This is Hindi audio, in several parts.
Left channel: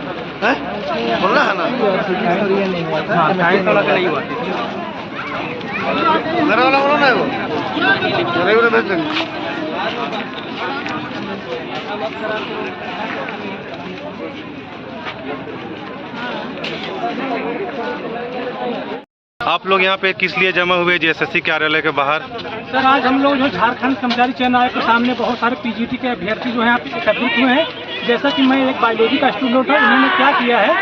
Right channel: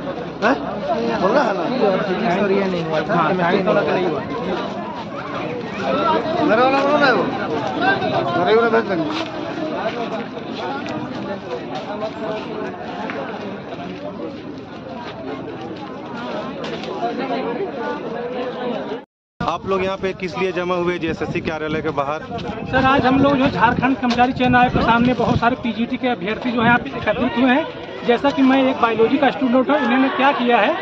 बोल रहा है ना मेरे वाला बोलो ना मेरे वाला भेज देंगे। आप लोग यहाँ पे किस लिए जमा हुए जेएसएससी कार्यालय के बाहर? सर आज हम लोग जो झारखंड कर्मचारी चयन आयोग के सामने बहुत सारे पीजीटी के अभ्यर्थी जो हैं यहाँ पे एकत्रित हुए हैं। जैसा कि मैं एक बायोलॉजी का स्टूडेंट हूँ, इन्होंने क्या किया है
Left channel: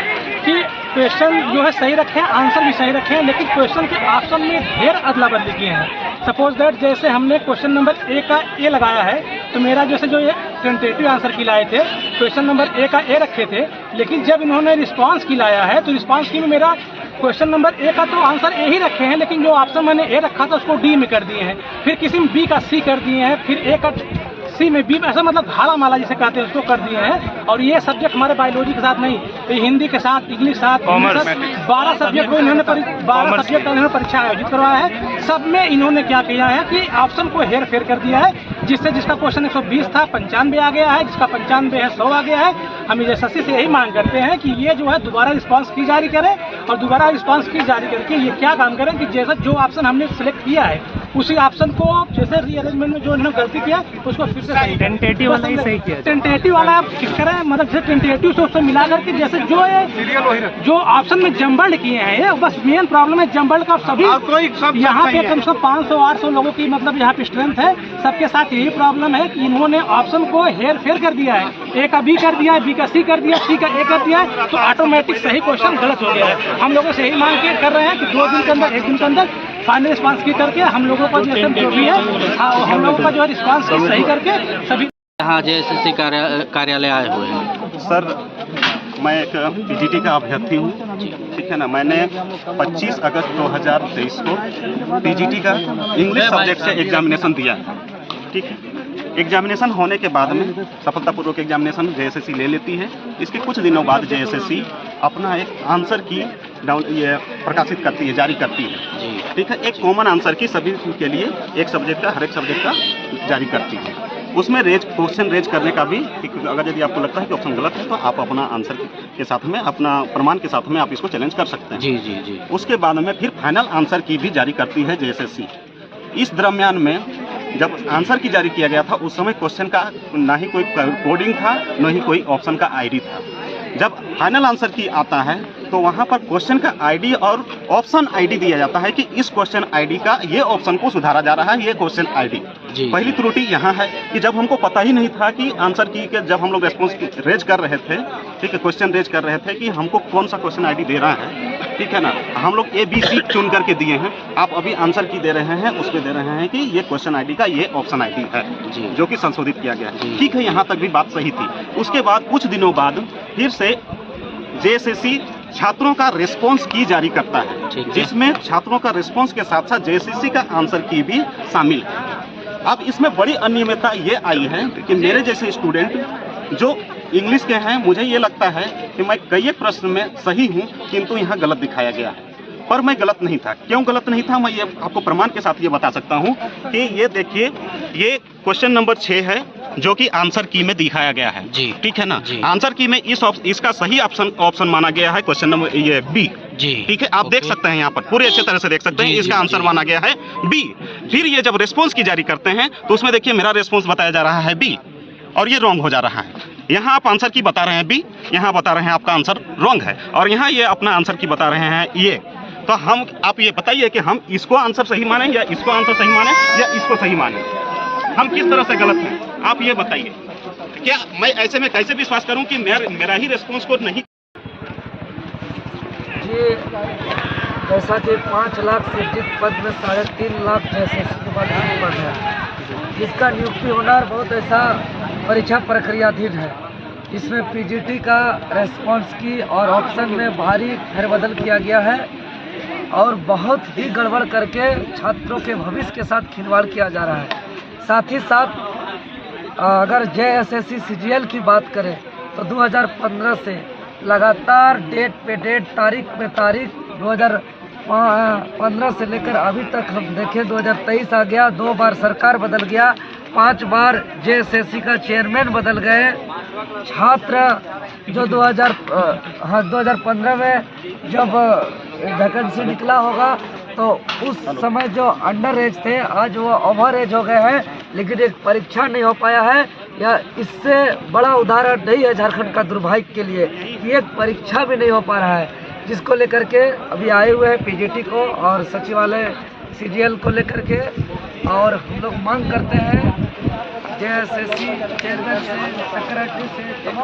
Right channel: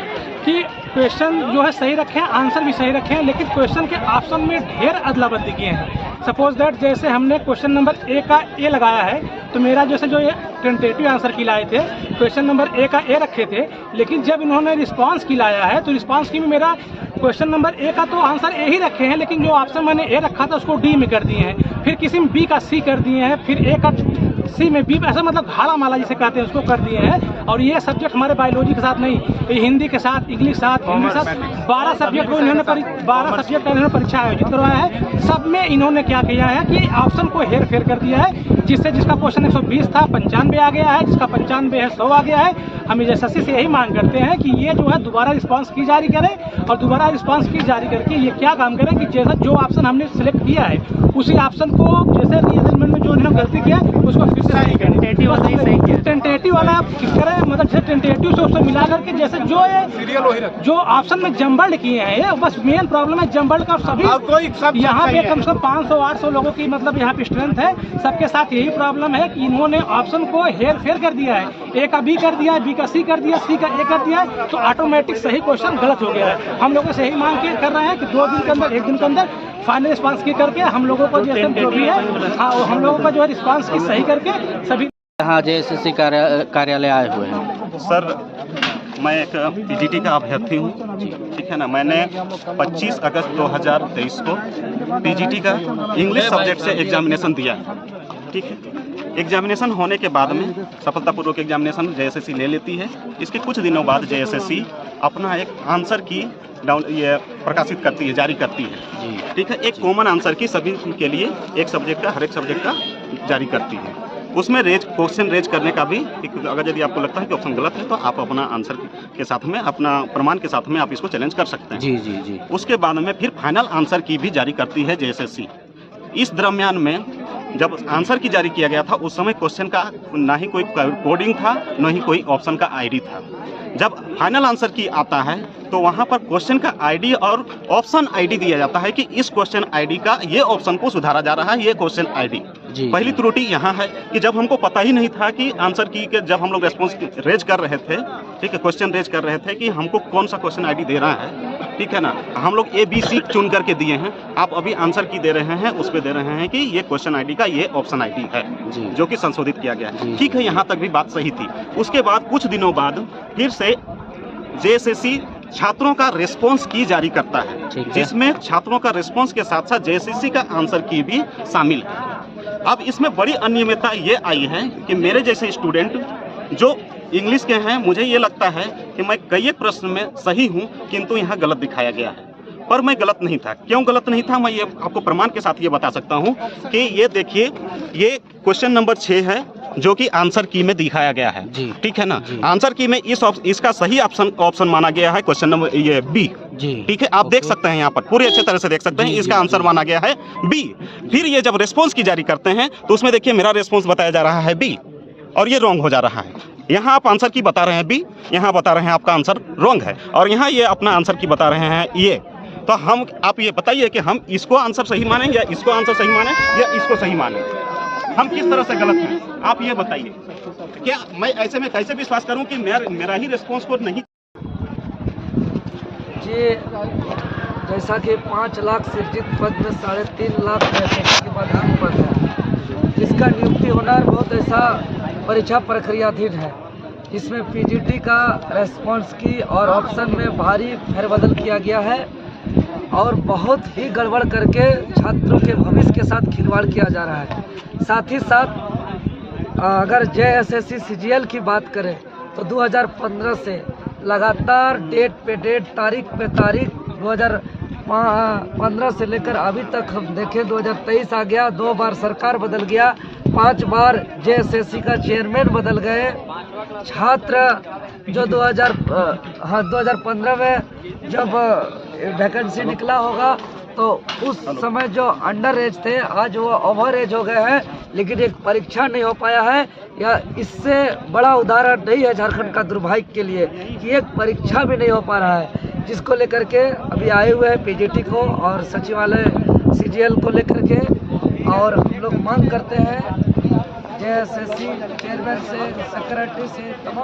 कि क्वेश्चन जो है सही रखे हैं, आंसर भी सही रखे हैं, लेकिन क्वेश्चन के ऑप्शन में ढेर अदला बदली किए हैं। सपोज दैट जैसे हमने क्वेश्चन नंबर ए का ए लगाया है, तो मेरा जैसे जो ये टेंटेटिव आंसर की लाए थे, क्वेश्चन नंबर ए का ए रखे थे, लेकिन जब इन्होंने रिस्पांस की लाया है तो रिस्पांस की में मेरा क्वेश्चन नंबर ए का तो आंसर ए ही रखे हैं, लेकिन जो ऑप्शन मैंने ए रखा था उसको डी में कर दिए हैं, फिर किसी में बी का सी कर दिए हैं, फिर ए का सी में बी, ऐसा मतलब घाड़ा माला जिसे कहते हैं उसको कर दिए हैं। और ये सब्जेक्ट हमारे बायोलॉजी के साथ नहीं, ये हिंदी के साथ, इंग्लिश साथ, 12 सब्जेक्ट को इन्होंने 12 सब्जेक्ट का इन्होंने परीक्षा आयोजित करवाया है। सब में इन्होंने क्या किया है कि ऑप्शन को हेर फेर कर दिया है, जिससे जिसका क्वेश्चन 120 था 95 आ गया है, जिसका 95 है 100 आ गया है। हम एसएससी से यही मांग करते हैं कि ये जो है दोबारा रिस्पांस की जारी करे, और दोबारा रिस्पांस की जारी करके ये क्या काम करे कि जैसा जो ऑप्शन हमने सिलेक्ट किया है उसी ऑप्शन को, जैसे रीअरेंजमेंट में जो इन्होंने गलती किया उसको फिर से टेंटेटिव वाला फिक्स करें, मतलब जैसे टेंटेटिव से उससे मिला करके जैसे जो ऑप्शन में जम्बल्ड किए हैं, बस मेन प्रॉब्लम है जम्बल्ड का। सभी यहाँ पे कम से कम 500-800 लोगों की मतलब यहाँ पे स्ट्रेंथ है, सबके साथ यही प्रॉब्लम है कि इन्होंने ऑप्शन को हेर फेर कर दिया है, ए का बी कर दिया है, बी का सी कर दिया, सी का ए कर दिया है, तो ऑटोमेटिक सही क्वेश्चन गलत हो गया है। हम लोगों से यही मांग कर रहे हैं कि 2 दिन के अंदर, 1 दिन के अंदर फाइनल रिस्पांस की करके हम लोगों को जो भी है हम लोगों का जो है रिस्पांस सही करके सभी यहाँ जेएसएससी कार्यालय आए हुए हैं। सर मैं एक पीजीटी का अभ्यर्थी हूँ, ठीक है ना। मैंने 25 अगस्त 2023 को पीजीटी का इंग्लिश सब्जेक्ट से एग्जामिनेशन दिया है, ठीक है। एग्जामिनेशन होने के बाद में सफलतापूर्वक एग्जामिनेशन जेएसएससी ले लेती है। इसके कुछ दिनों बाद जेएसएससी अपना एक आंसर की ये प्रकाशित करती है, जारी करती है, ठीक है। एक कॉमन आंसर की सभी के लिए एक सब्जेक्ट का, हर एक सब्जेक्ट का जारी करती है। उसमें क्वेश्चन रेज करने का भी, अगर यदि आपको लगता है कि ऑप्शन गलत है तो आप अपना आंसर के साथ में, अपना प्रमाण के साथ में आप इसको चैलेंज कर सकते हैं। जी जी जी। उसके बाद में फिर फाइनल आंसर की भी जारी करती है जेएसएससी। इस दरम्यान में जब आंसर की जारी किया गया था उस समय क्वेश्चन का ना ही कोई कोडिंग था, न ही कोई ऑप्शन का आईडी था। जब फाइनल आंसर की आता है तो वहाँ पर क्वेश्चन का आईडी और ऑप्शन आईडी दिया जाता है कि इस क्वेश्चन आईडी का ये ऑप्शन को सुधारा जा रहा है, ये क्वेश्चन आईडी। पहली त्रुटि यहाँ है कि जब हमको पता ही नहीं था कि आंसर की के जब हम लोग रेस्पॉन्स रेज कर रहे थे, ठीक है, क्वेश्चन रेज कर रहे थे कि हमको कौन सा क्वेश्चन आईडी दे रहा है, ठीक है ना। हम लोग ABC चुन करके दिए हैं, आप अभी आंसर की दे रहे हैं, उस पर दे रहे हैं कि ये क्वेश्चन आईडी का ये ऑप्शन आईडी है, जो कि संशोधित किया गया है, ठीक है। यहाँ तक भी बात सही थी। उसके बाद कुछ दिनों बाद फिर से जेएसएससी छात्रों का रिस्पांस की जारी करता है, जिसमें छात्रों का रिस्पांस के साथ साथ जेएसएससी का आंसर की भी शामिल है। अब इसमें बड़ी अनियमितता ये आई है कि मेरे जैसे स्टूडेंट जो इंग्लिश के हैं, मुझे ये लगता है कि मैं कई प्रश्न में सही हूँ, किंतु यहाँ गलत दिखाया गया है। पर मैं गलत नहीं था। क्यों गलत नहीं था, मैं ये आपको प्रमाण के साथ ये बता सकता हूँ कि ये देखिए, ये क्वेश्चन नंबर 6 है जो कि आंसर की में दिखाया गया है, ठीक है ना। आंसर की में इसका सही ऑप्शन माना गया है क्वेश्चन नंबर ये बी, ठीक है। आप देख सकते हैं यहाँ पर पूरे अच्छे तरह से देख सकते हैं, इसका आंसर माना गया है बी। फिर ये जब रेस्पॉन्स की जारी करते हैं तो उसमें देखिए मेरा रेस्पॉन्स बताया जा रहा है बी और ये रॉन्ग हो जा रहा है। यहाँ आप आंसर की बता रहे हैं बी, यहाँ बता रहे हैं आपका आंसर रॉन्ग है, और यहाँ ये अपना आंसर की बता रहे हैं ये। तो आप ये बताइए कि हम इसको आंसर सही माने या इसको आंसर सही माने या इसको सही माने, हम किस तरह से गलत हैं, आप ये बताइए। क्या मैं ऐसे में कैसे विश्वास करूं कि मेरा ही रिस्पांस को नहीं। जी, जैसा कि 5 लाख सृजित पद में 3.5 लाख के बाद नियुक्ति पद है, इसका नियुक्ति होना बहुत ऐसा परीक्षा प्रक्रियाधीन है। इसमें पीजीटी का रेस्पॉन्स की और ऑप्शन में भारी फेरबदल किया गया है और बहुत ही गड़बड़ करके छात्रों के भविष्य के साथ खिलवाड़ किया जा रहा है। साथ ही साथ अगर जेएसएससी सीजीएल की बात करें तो 2015 से लगातार डेट पे डेट, तारीख पे तारीख, 2015 से लेकर अभी तक हम देखें 2023 आ गया, 2 बार सरकार बदल गया, 5 बार जेएसएससी का चेयरमैन बदल गए, छात्र जो 2015 में जब वैकेंसी निकला होगा तो उस समय जो अंडर एज थे आज वो ओवर एज हो गए हैं, लेकिन एक परीक्षा नहीं हो पाया है। या इससे बड़ा उदाहरण नहीं है झारखंड का दुर्भाग्य के लिए कि एक परीक्षा भी नहीं हो पा रहा है, जिसको लेकर के अभी आए हुए हैं पीजीटी को और सचिवालय सीजीएल को लेकर के। और लोग मांग करते हैं जेएसएससी चेयरमैन से, सेक्रेटरी से,